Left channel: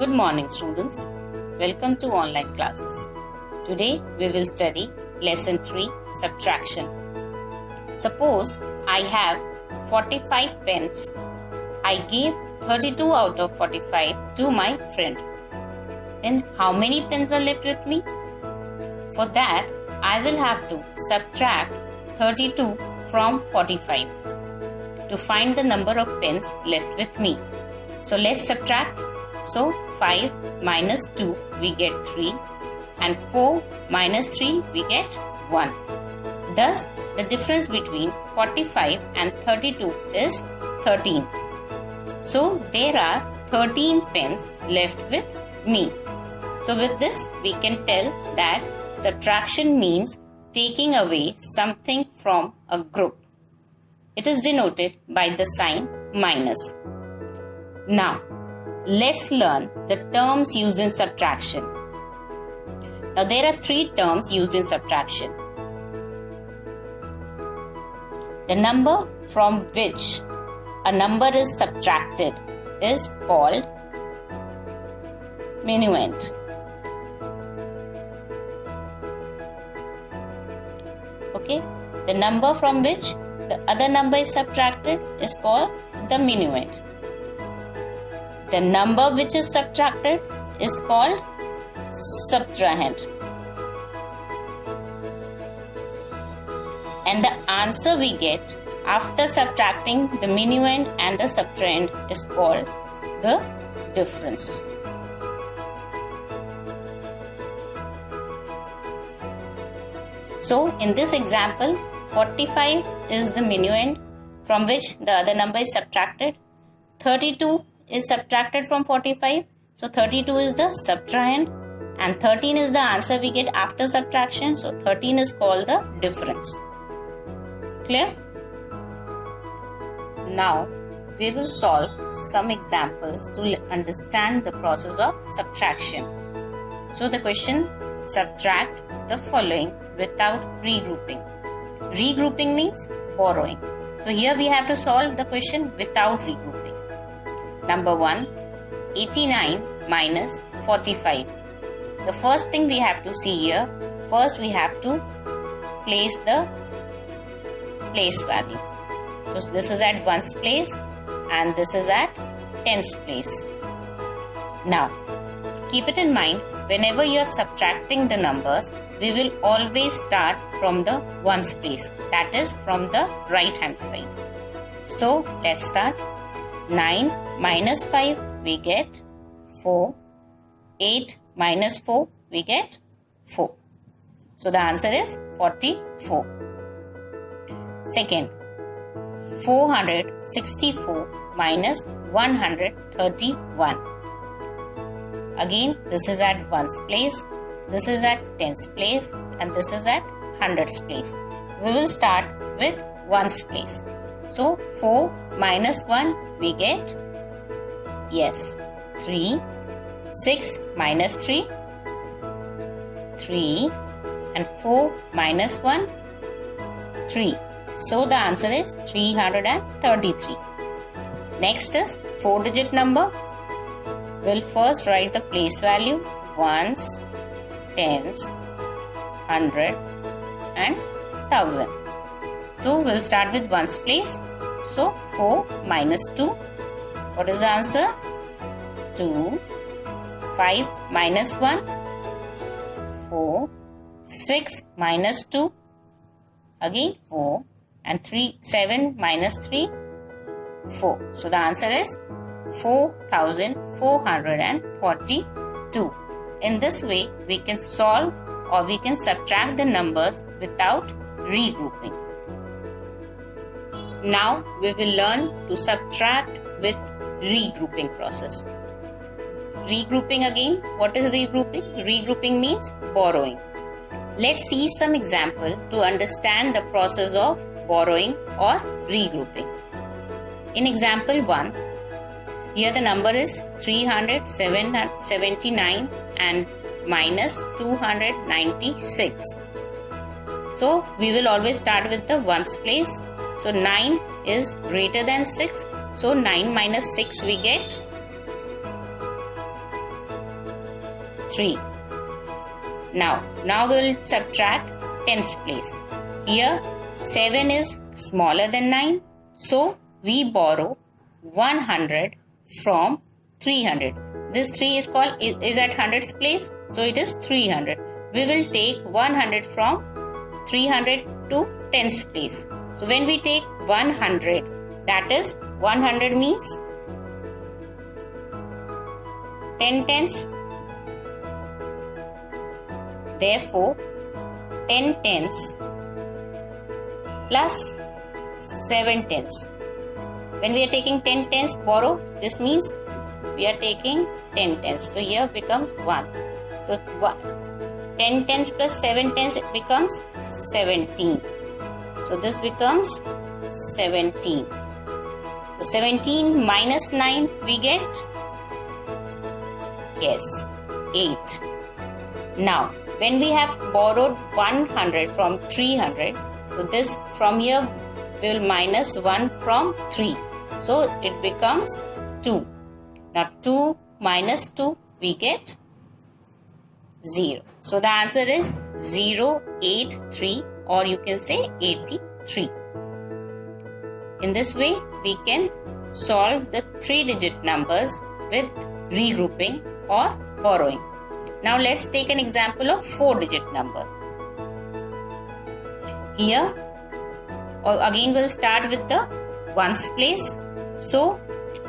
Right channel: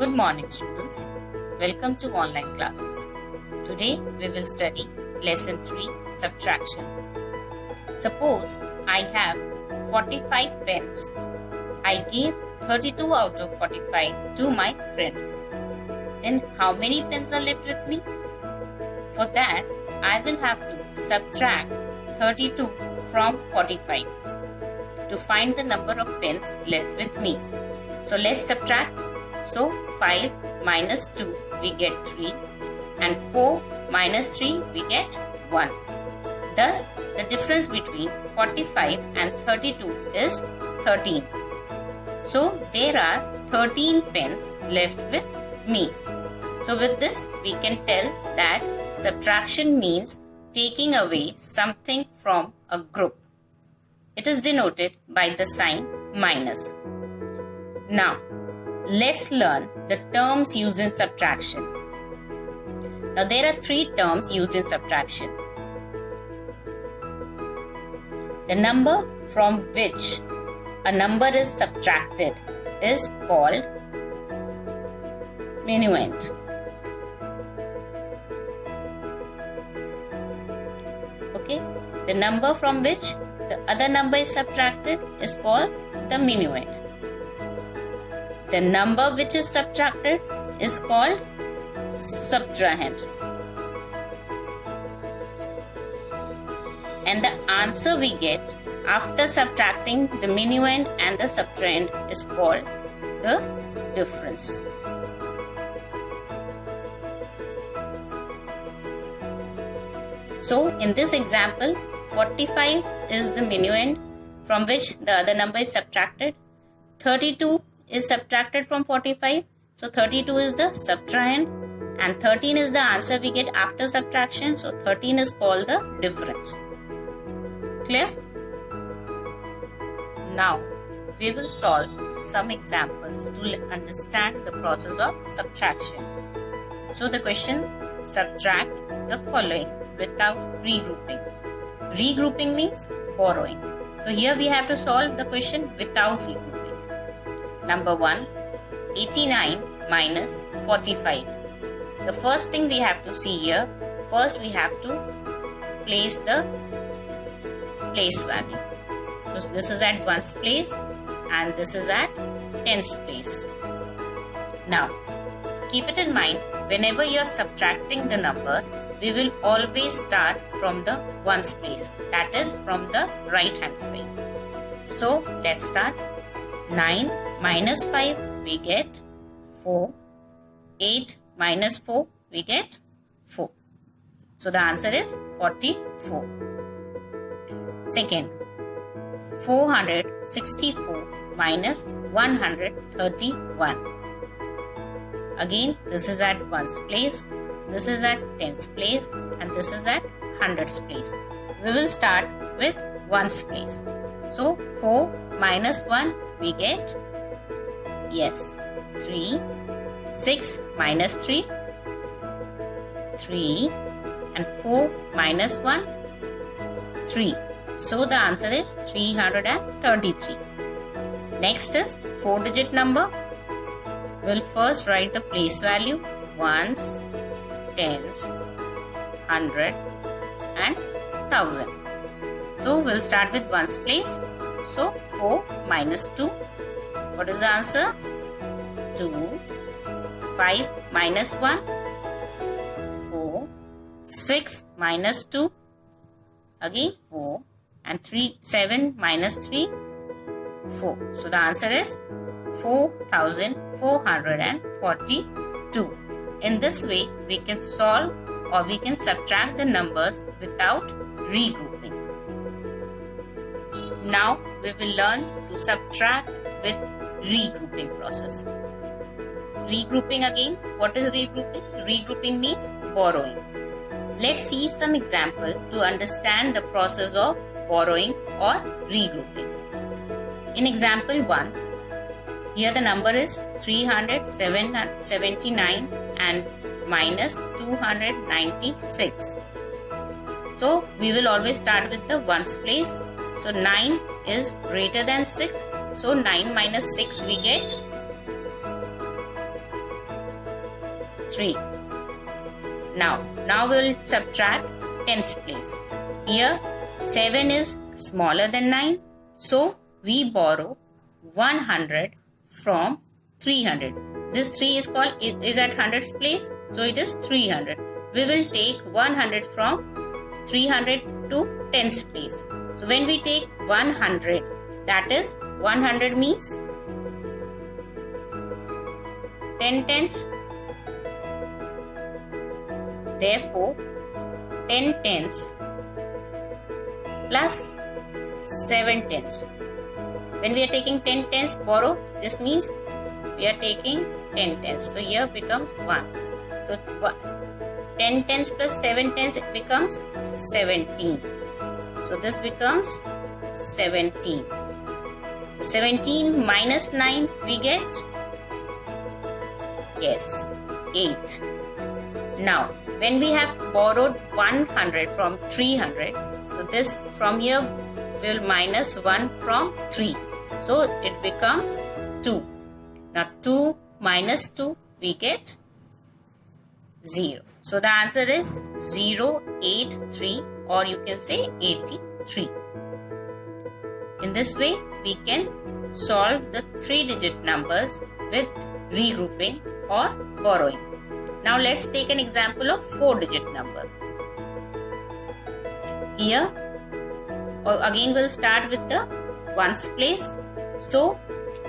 Good morning, students. Welcome to online classes. Today we will study lesson 3 subtraction. Suppose I have 45 pence. I gave 32 out of 45 to my friend. Then how many pence are left with me? For that, I will have to subtract 32 from 45 to find the number of pence left with me. So let's subtract. So 5 minus 2 we get 3 and 4 minus 3 we get 1. Thus the difference between 45 and 32 is 13. So there are 13 pence left with me. So with this we can tell that subtraction means taking away something from a group. It is denoted by the sign minus. Now let's learn the terms used in subtraction. Now there are 3 terms used in subtraction. The number from which a number is subtracted is called minuend. Okay, the number from which the other number is subtracted is called the minuend. The number which is subtracted is called subtrahend. And the answer we get after subtracting the minuend and the subtrahend is called the difference. So in this example, 45 is the minuend from which the other number is subtracted. 32 is subtracted from 45. So 32 is the subtrahend and 13 is the answer we get after subtraction. So 13 is called the difference. Clear? Now we will solve some examples to understand the process of subtraction. So the question, subtract the following without regrouping. Regrouping means borrowing. So here we have to solve the question without regrouping. Number 1, 89 minus 45. The first thing we have to see here, first we have to place the place value. So this is at 1's place and this is at 10's place. Now, keep it in mind, whenever you are subtracting the numbers, we will always start from the 1's place, that is from the right hand side. So let's start. 9 minus 5 we get 4. 8 minus 4 we get 4. So the answer is 44. Second, 464 minus 131. Again, this is at 1's place, this is at 10's place and this is at 100's place. We will start with 1's place. So 4 minus 1 we get, yes, 3. 6 minus 3, 3 and 4 minus 1, 3. So the answer is 333. Next is 4-digit number. We'll first write the place value, 1s, 10s, 100 and 1000. So we'll start with 1's place. So 4 minus 2. What is the answer? 2. 5 minus 1. 4. 6 minus 2. Again 4. And 7 minus 3. 4. So the answer is 4442. In this way, we can solve or we can subtract the numbers without regrouping. Now we will learn to subtract with regrouping process. Regrouping again. What is regrouping? Regrouping means borrowing. Let's see some example to understand the process of borrowing or regrouping. In example 1, here the number is 379 and minus 296. So we will always start with the 1's place. So 9 is greater than 6. So 9 minus 6 we get 3. Now we will subtract tens place. Here 7 is smaller than 9. So we borrow 100 from 300. This 3 is at hundreds place. So it is 300. We will take 100 from 300 to tens place. So when we take 100, that is 100 means 10 tens. Therefore, 10 tens plus 7 tens. When we are taking 10 tens borrow, this means we are taking 10 tens. So here becomes 1. So 10 tens plus 7 tens becomes 17. So this becomes 17. So 17 minus 9 we get? Yes, 8. Now when we have borrowed 100 from 300, so this from here we will minus 1 from 3. So it becomes 2. Now 2 minus 2 we get 0. So the answer is 083, or you can say 83. In this way we can solve the 3-digit numbers with regrouping or borrowing. Now let's take an example of 4-digit number. Here again we'll start with the ones place. So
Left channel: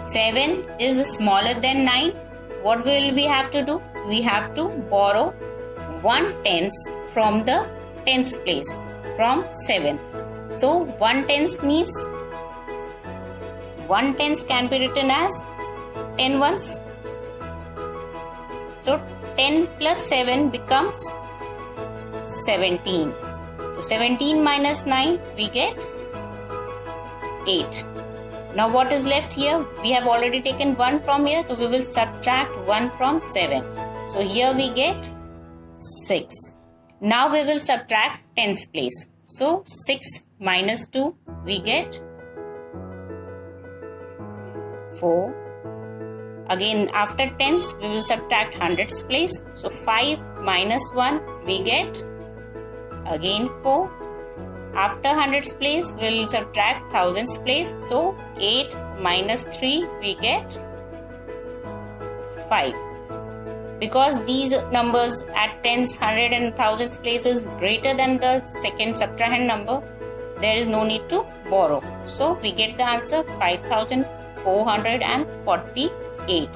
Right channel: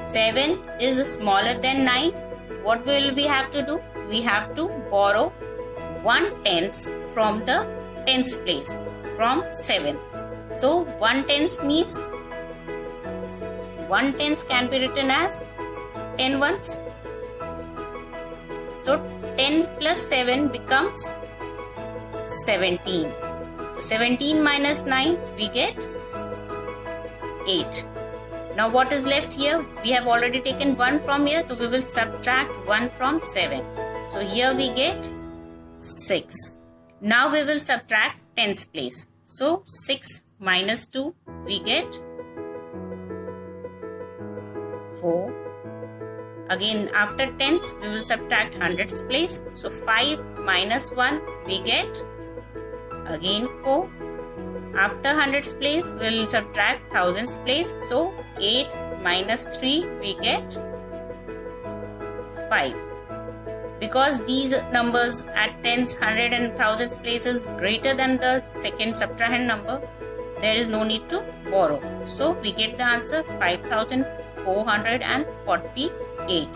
7 is smaller than 9. What will we have to do? We have to borrow 1 tens from the tens place from 7. So 1 tens means 1 tens can be written as 10 ones. So 10 plus 7 becomes 17. So 17 minus 9 we get 8. Now what is left here? We have already taken 1 from here, so we will subtract 1 from 7. So here we get 6. Now we will subtract tens place. So 6 minus 2 we get 4. Again after tens we will subtract hundreds place. So 5 minus 1 we get again 4. After hundreds place we will subtract thousands place. So 8 minus 3 we get 5. Because these numbers at tens, hundred and thousands place is greater than the second subtrahend number, there is no need to borrow. So we get the answer 5448.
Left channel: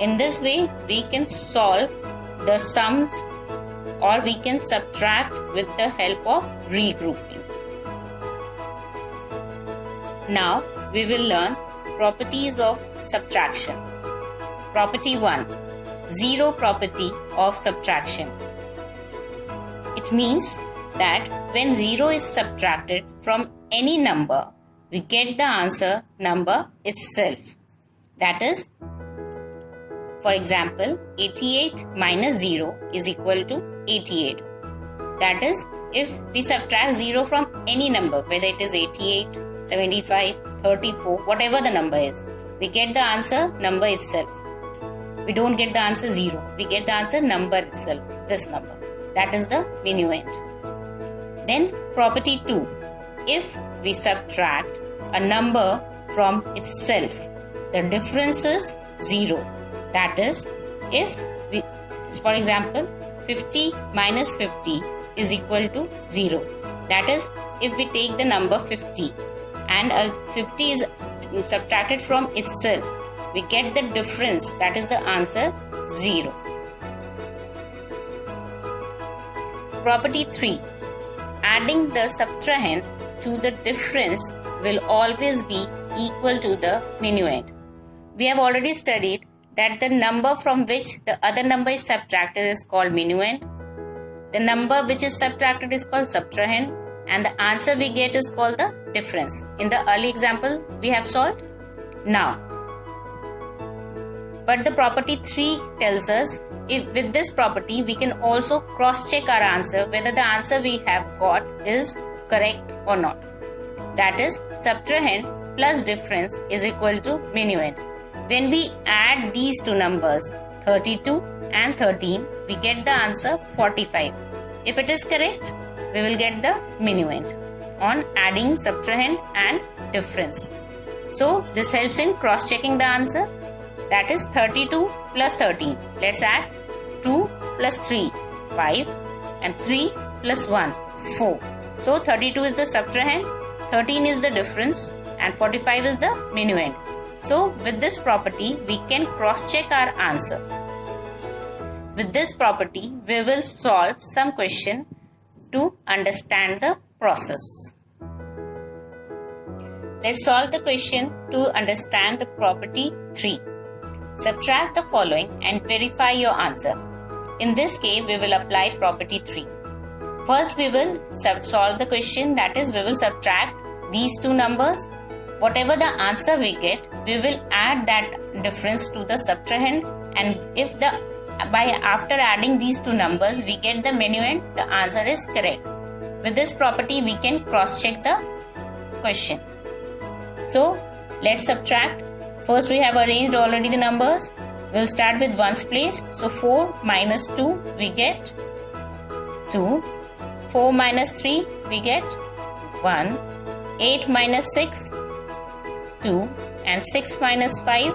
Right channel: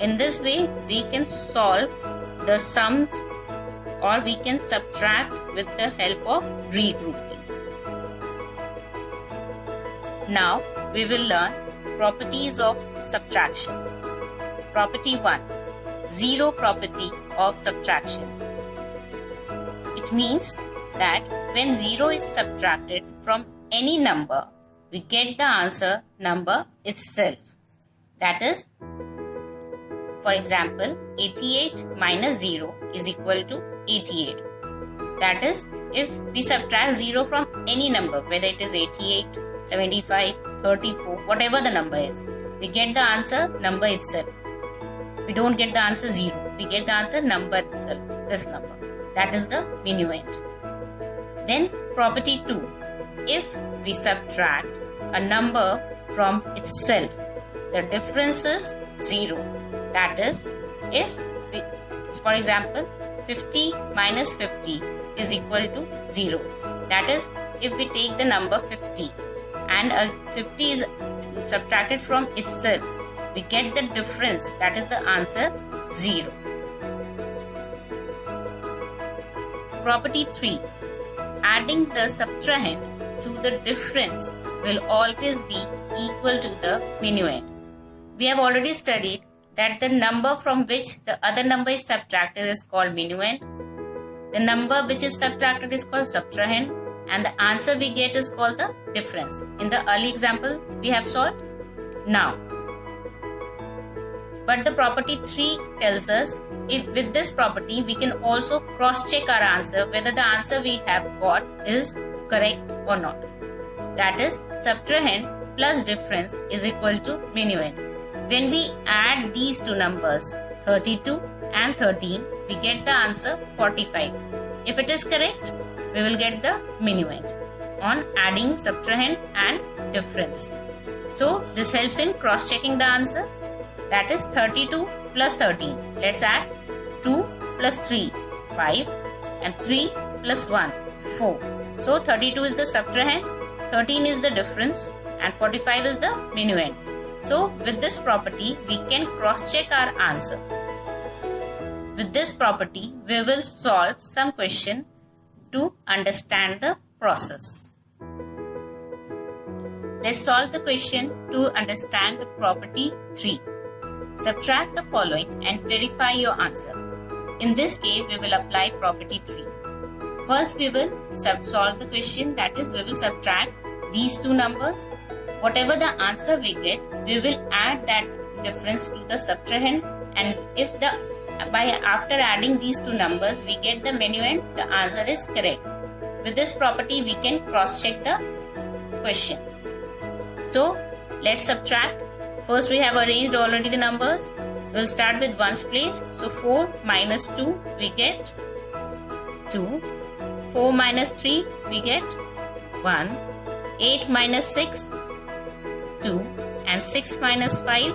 In this way we can solve the sums, or we can subtract with the help of regrouping. Now we will learn properties of subtraction. Property 1. Zero property of subtraction. It means that when 0 is subtracted from any number, we get the answer number itself. That is, for example, 88 minus 0 is equal to 88. That is, if we subtract 0 from any number, whether it is 88, 75, 34, whatever the number is, we get the answer number itself. We don't get the answer 0. We get the answer number itself, this number. That is the minuend. Then property 2. If we subtract a number from itself, the difference is 0. That is, if we, for example, 50 minus 50 is equal to 0. That is, if we take the number 50 and 50 is subtracted from itself, we get the difference, that is the answer 0. Property 3. Adding the subtrahend to the difference will always be equal to the minuend. We have already studied that the number from which the other number is subtracted is called minuend. The number which is subtracted is called subtrahend, and the answer we get is called the difference. In the early example we have solved. Now, but the property 3 tells us, if with this property we can also cross-check our answer whether the answer we have got is correct or not. That is, subtrahend plus difference is equal to minuend. When we add these two numbers, 32 and 13, we get the answer 45. If it is correct, we will get the minuend on adding, subtrahend and difference. So this helps in cross-checking the answer. That is 32 plus 13. Let's add 2 plus 3, 5 and 3 plus 1, 4. So 32 is the subtrahend, 13 is the difference and 45 is the minuend. So with this property, we can cross-check our answer. With this property, we will solve some question to understand the process. Let's solve the question to understand the property 3. Subtract the following and verify your answer. In this case, we will apply property 3. First, we will solve the question, that is, we will subtract these two numbers. Whatever the answer we get, we will add that difference to the subtrahend, and if after adding these two numbers we get the minuend, the answer is correct. With this property, we can cross-check the question. So let's subtract. First, we have arranged already the numbers. We'll start with ones place. So 4 minus 2, we get 2. 4 minus 3, we get 1. 8 minus 6, 2. And 6 minus 5,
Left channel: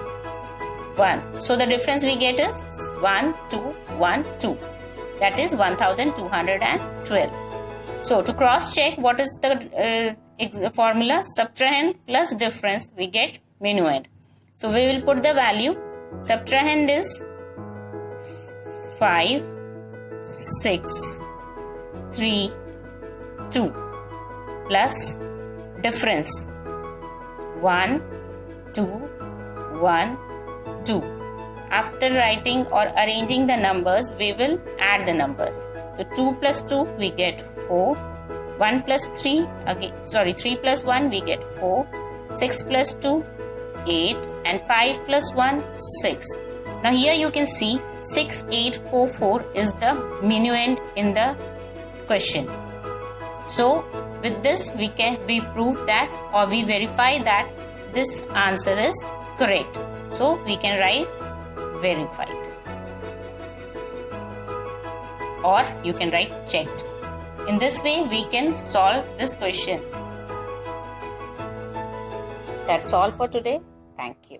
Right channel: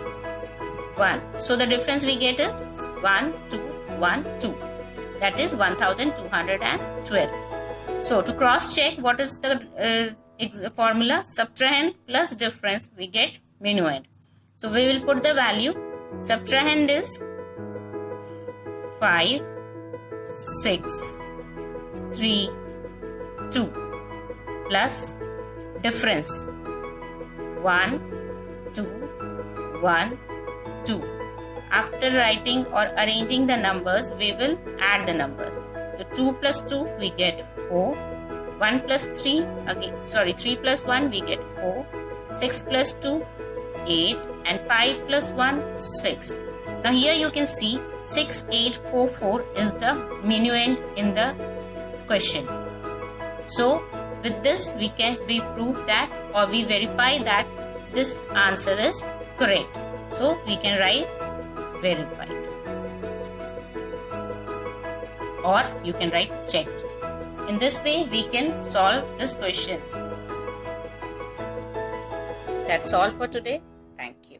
1. So the difference we get is 1, 2, 1, 2. That is 1212. So to cross check, what is the formula? Subtrahend plus difference, we get minuend. So we will put the value. Subtrahend is 5, 6, 3, 2 plus difference 1, 2, 1, 2. After writing or arranging the numbers, we will add the numbers. So 2 plus 2, we get 4. 1 plus 3, 3 plus 1, we get 4. 6 plus 2, 8. And 5 plus 1, 6. Now here you can see 6844 is the minuend in the question. So with this, we prove that, or we verify that this answer is correct. So we can write verified, or you can write checked. In this way, we can solve this question. That's all for today. Thank you.